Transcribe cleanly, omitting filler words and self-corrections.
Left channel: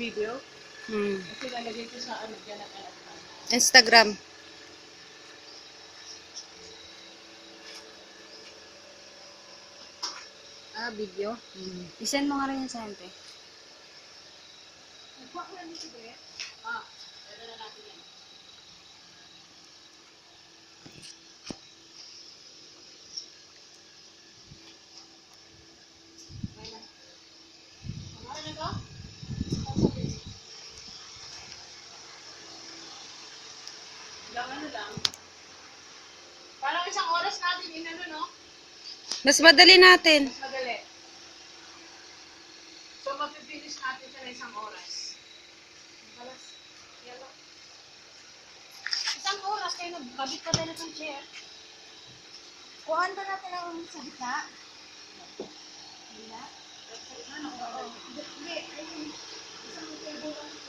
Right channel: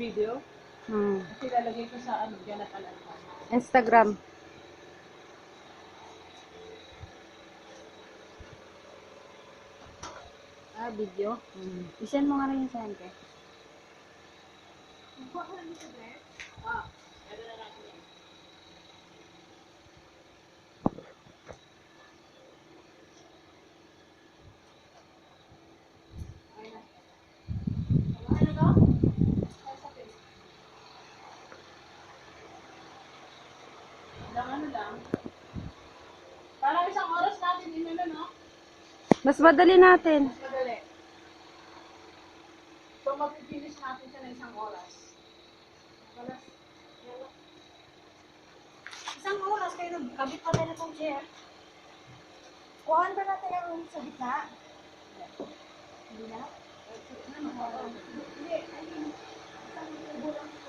video. Kasi lalagay ko sa ano, dyan at alatan. Instagram. Video. I-send mo nga rin yun sa akin, te. Lagyan na natin yan. Ano lang. Parang isang oras natin inano, no? Mas madali natin. Mas madali. So, mapipinish natin siya na isang oras. Isang oras kayo nagkabit na tayo ng chair. Kuhaan ba natin ang sa gitna? Hindi na? Ano? Hindi. Ayun. Isang table lang.